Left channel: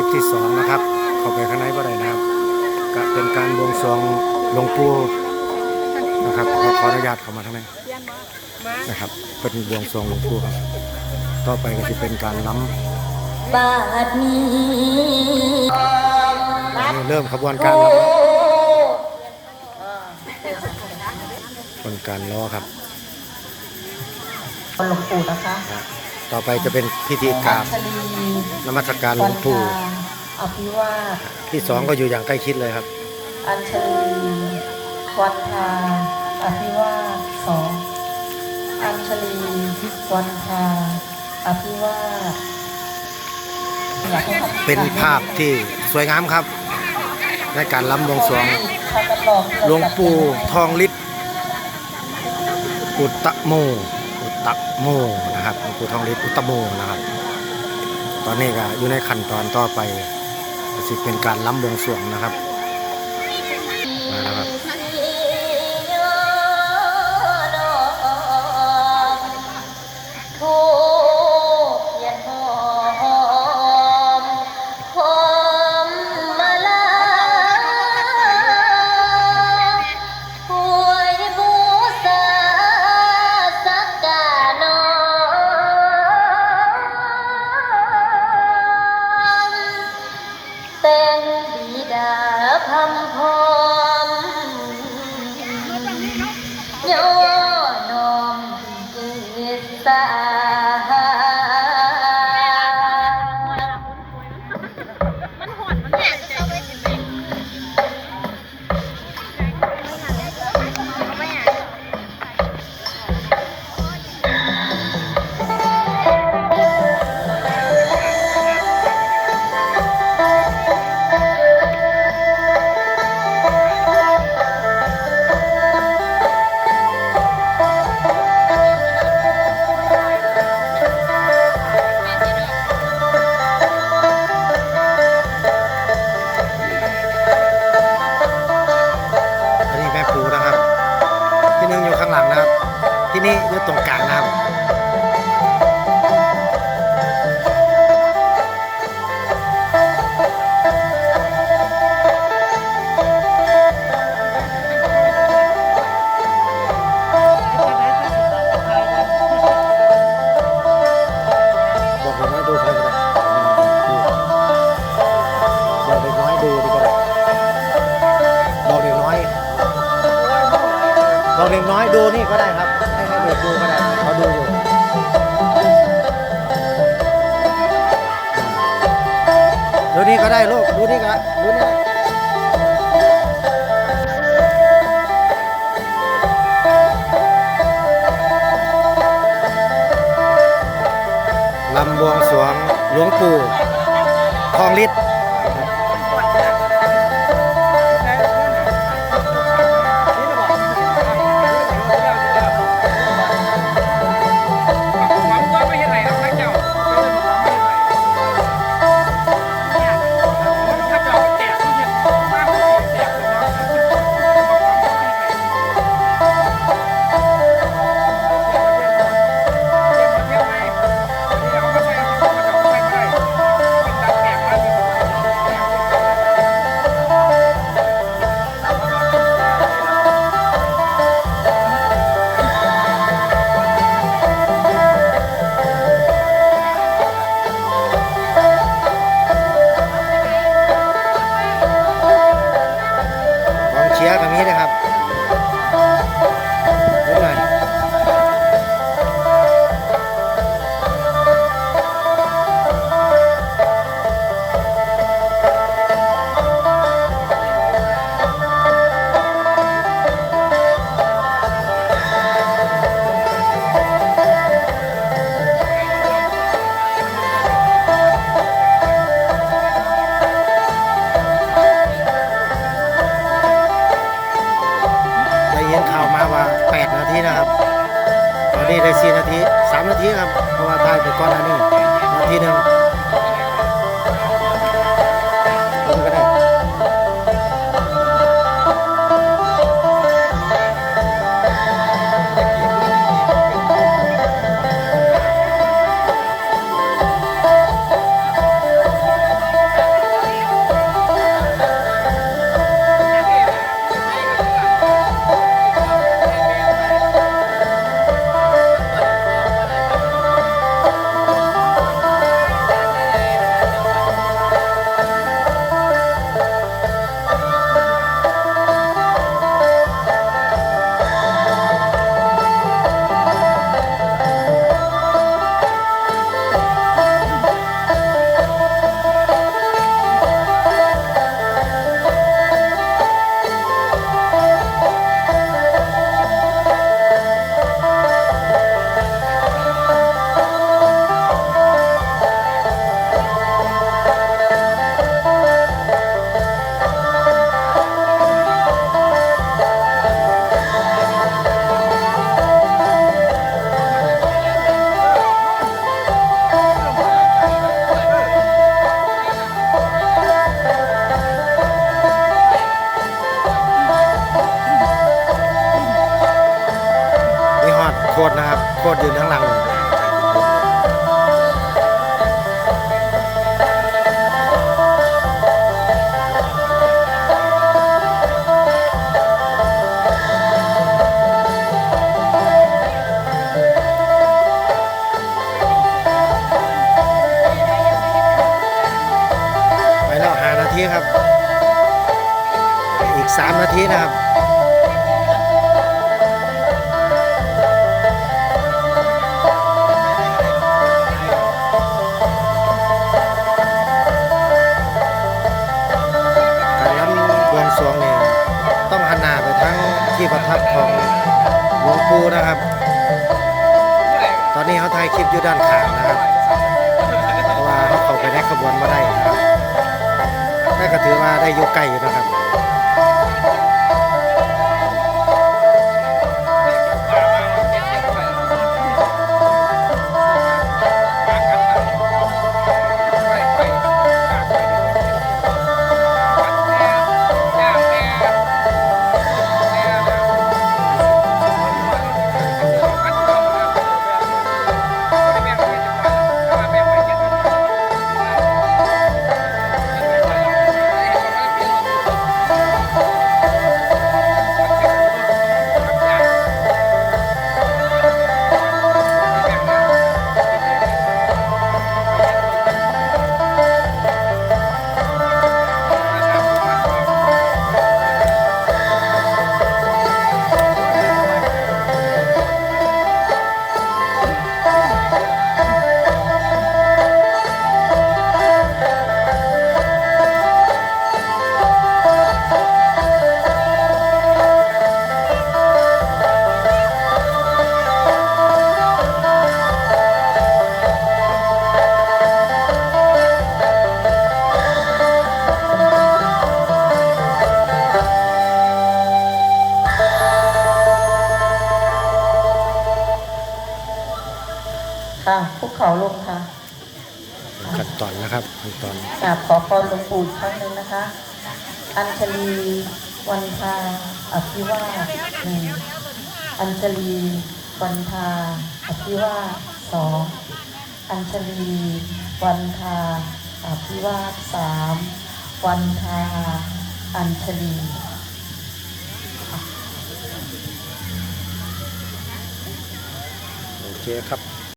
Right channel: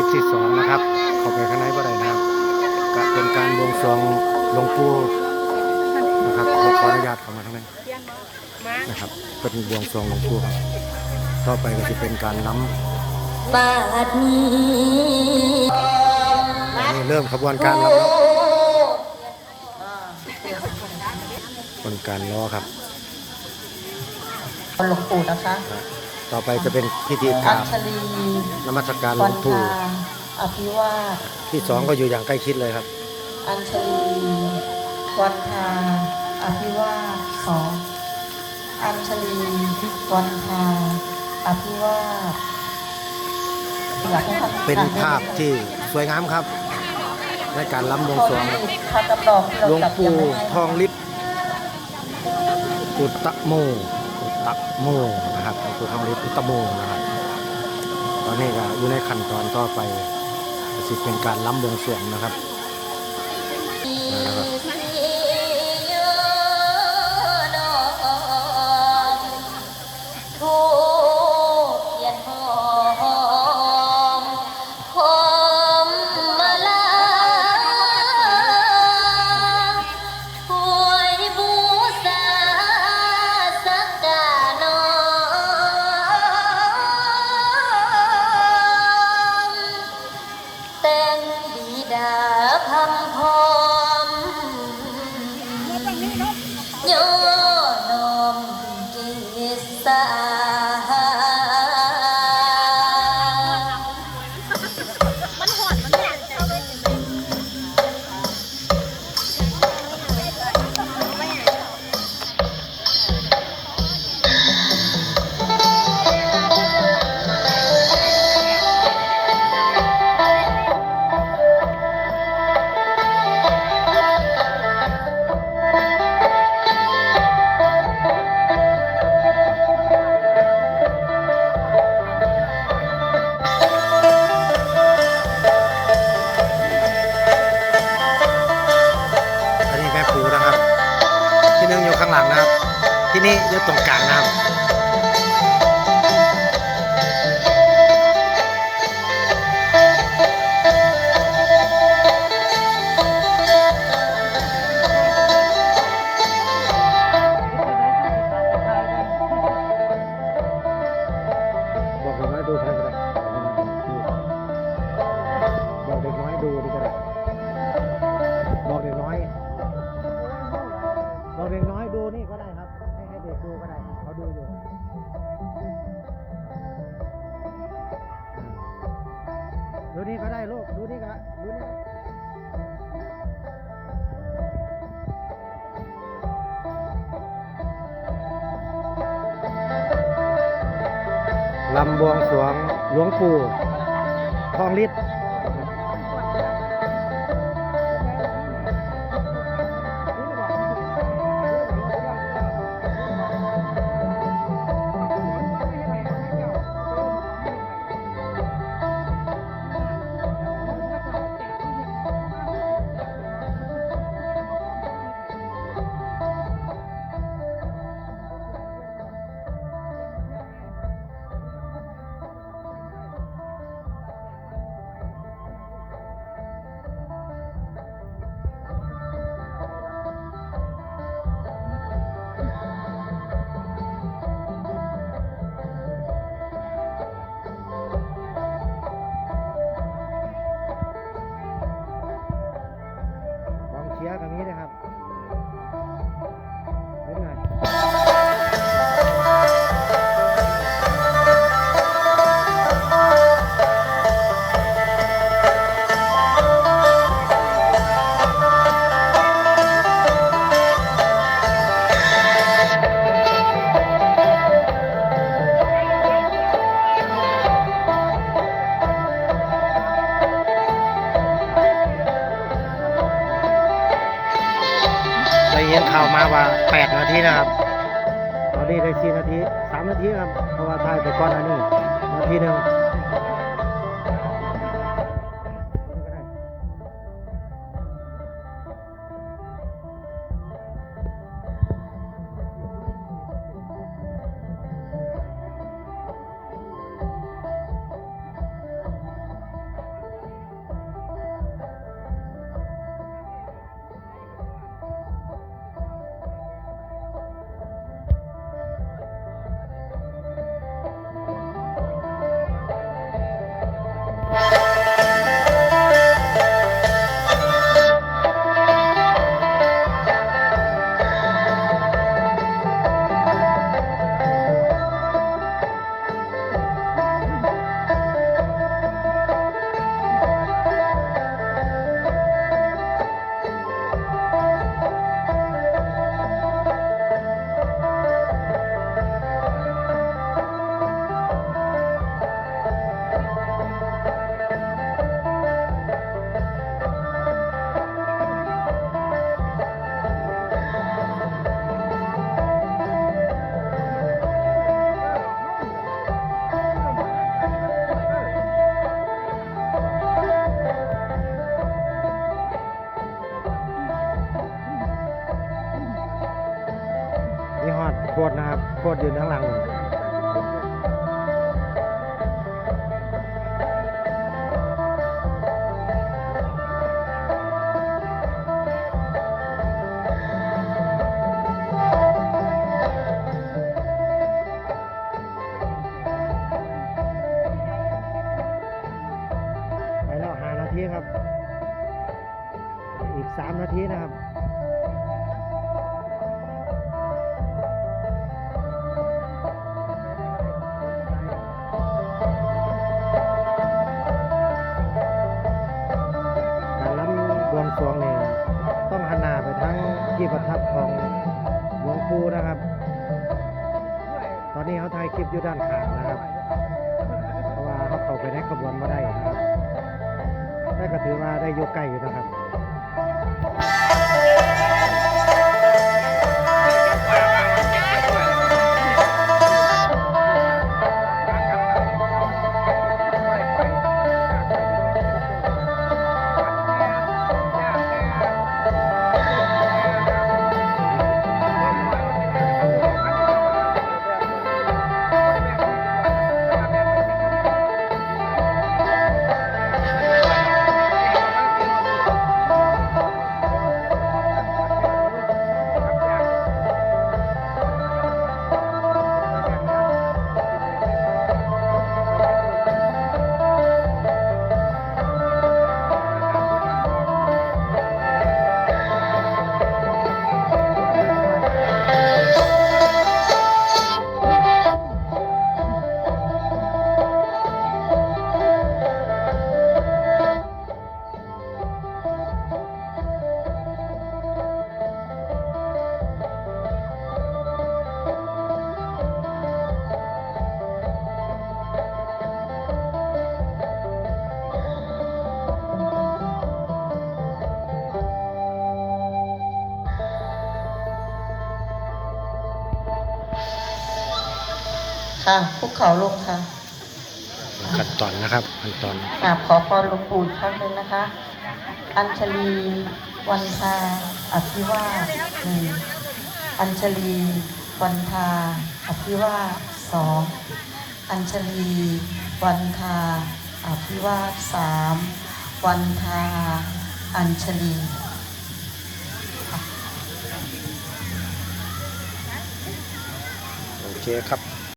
ลิปที่สองนะครับ เข้าไปข้างในก็ได้นะครับก็เป็นการบวงสรวงหลวงปู่นะครับขอขออนุญาตเข้ามาข้างในนะครับเป็นบวงสรวงหลวงปู่ครับ ต่อไปก็จะเป็นการล้บาดมือำตอนนี้เริ่มขบวนการล้ำแล้วขบวนการล้อครับหลวงปู่นะคะอะ ต่อไปจะเป็นพิธีกราบชลีนมัสการหลวงปู่อภิวาสที่สองก็อยู่อย่างใกล้ชิดเลยครับ อัญชลีวันทาอภิวาสสองอัญชลีวันทาอภิวาสอยากให้ท่เป็นภาพที่สวยงามครับ ในการล้ำบวงสรวงพากำลองที่หลเราวงจัดปู่กันให้ทองฤทธิ์อุตตะโมอุ ตตะโมนะครับหลวงปู่ทองฤทธิ์อุตตะโมนะครับ ตอนนี้ก็อยู่ในขั้นตอนต่อไปสิเป็นการล้ำวงสวงนะครับ สางหลังนะครับ ที่นี่อยู่ตรงกลางนะครับ บอกเด็กน้อยดูนี่ก็ได้ครับ ให้ให้เด็กดูก็ได้เขาดูอยู่ดูนี่ก็ได้ลูกดูนี่ก็ดูนี่ลำบวงสวงหลวงปู่ทองฤทธิ์ ยินข่าวมาว่า 8 นาทีนะครับ ตอนนี้ได้4นาที 3 นาทีครับ เพราะว่าถ่ายไปก่อนอันนี้ นาทีหนึ่ง โคตรนะครับ โคตรยืนข้างหลังผมไปแล้วหานาทีครับ อีก3นาทีนะครับ สวงนี่ต้องหันหน้าไปทั้งที่ประทับของหลวงปู่นะครับ ตอนนี้เขาถ่ายคลิปอยู่ด้านข้างนะครับ เพราะว่าเขาเข้าไปในขบวนมาได้นะครับแต่ก็ถือว่าได้อยู่ไกลอยู่นะครับ ค่ะภูเขาลงค่ะขั้นตอนนะครับขั้นตอนกราบขอพรหลวงปู่อีกครั้งหนึ่งนะคะ อัญชลีวันทาอภิวาสหนึ่งอัญชลีวันทาอภิวาสสองอัญชลีวันทาอภิวาสสามวันทาอัญชลีโอเคครับ